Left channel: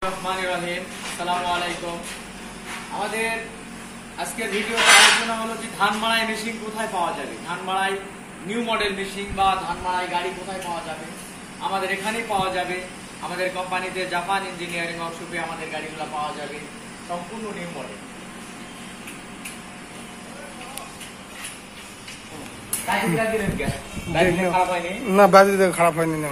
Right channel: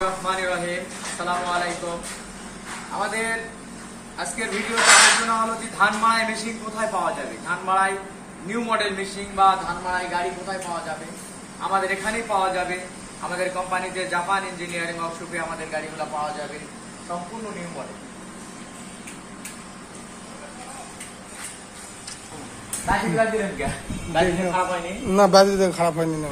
আসসালামু আলাইকুম। আমাদের আজকের ভিডিওতে আলোচনা হলো যে ধান মাড়াই মেশিন কোথায় পাওয়া যাবে, ধান মাড়াই নিউ মডেল মেশিন বা ধান মাড়াই গাড়ি কোথায় পাওয়া যাবে। আমাদের এখানেই পাওয়া যাবে, আমাদের কোম্পানিতে জাপান ইঞ্জিনিয়ারিং ওয়ার্কশপে আমাদের গাড়িগুলো পাওয়া যাবে, সম্পূর্ণ নিউ মডেল। না বাজে খারাপ হয়নি না।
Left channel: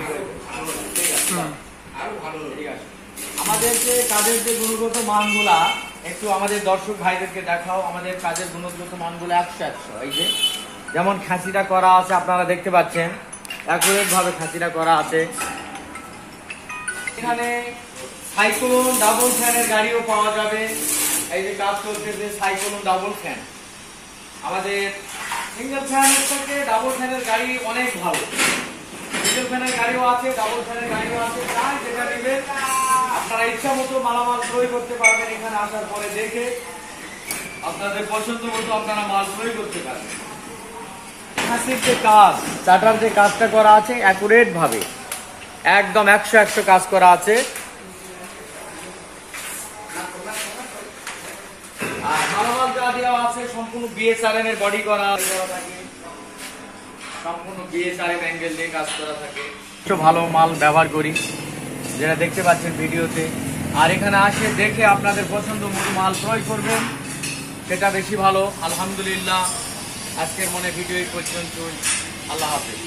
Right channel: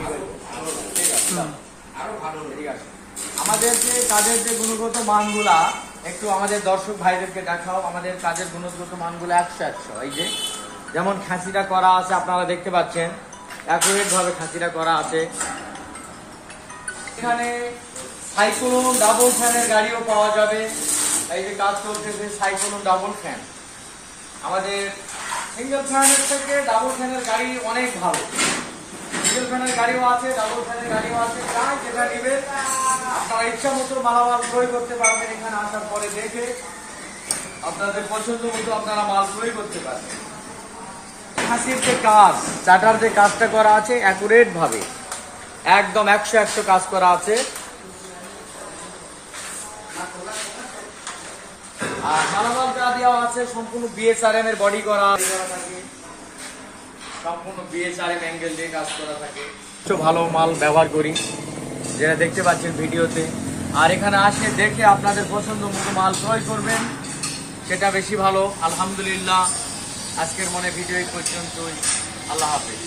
আমাদের যে কাজের যে গুণগত মানগুলা একটু আমাদের দর্শক ভাইদেরকে দেখাও। আমাদের কাজের গুণগত মানগুলো 100-100। এই যে যেমন খাঁচিটা করা আছে, আপনারা দেখতে পাচ্ছেন অ্যাকুরেট ভাবে খাঁচিটা করা আছে। এখানে সাইক্লোন ডাবল ফ্যানের গাড়িও পাওয়া যাবে। এই যে কাজ চলতেছে সাইক্লোন ডাবল ফ্যান। আমাদের সিঙ্গেল ফ্যানের থেকে ডাবল ফ্যানের গাড়ি অনেক ভালো। সিঙ্গেল ফ্যানের গাড়িও আছে, ডাবল ফ্যানের গাড়িও আছে। যাই যেটা নিবে আপনারা ইচ্ছা মতো মালামাল ক্রয় করতে পারবেন। এখানে আসার পরে দেখে আপনাদের পছন্দ মতো আপনারা মাল ক্রয় করতে পারবেন। খাসির যে কাজ, চাটার যে কাজটা করা আছে অ্যাকুরেট ভাবে একদম 100-100 কাজ করা আছে। আর মালামাল যা দেওয়া আছে সম্পূর্ণ বিএসআরএম এর বডি করা থাকে, সম্পূর্ণ বিএসআরএম অ্যাঙ্গেল দিয়ে কাজ করা থাকে। ভালো মাল ব্যবহার করি যেটা দেখতে পাচ্ছেন ভিডিওতে। আর এখানে আসে দেখে আপনাদের পছন্দ মতো মাল ক্রয় করবেন, সেটা বেশি ভালো। আলহামদুলিল্লাহ, আজকের মনে ভিডিও এই পর্যন্তই। আল্লাহ হাফেজ।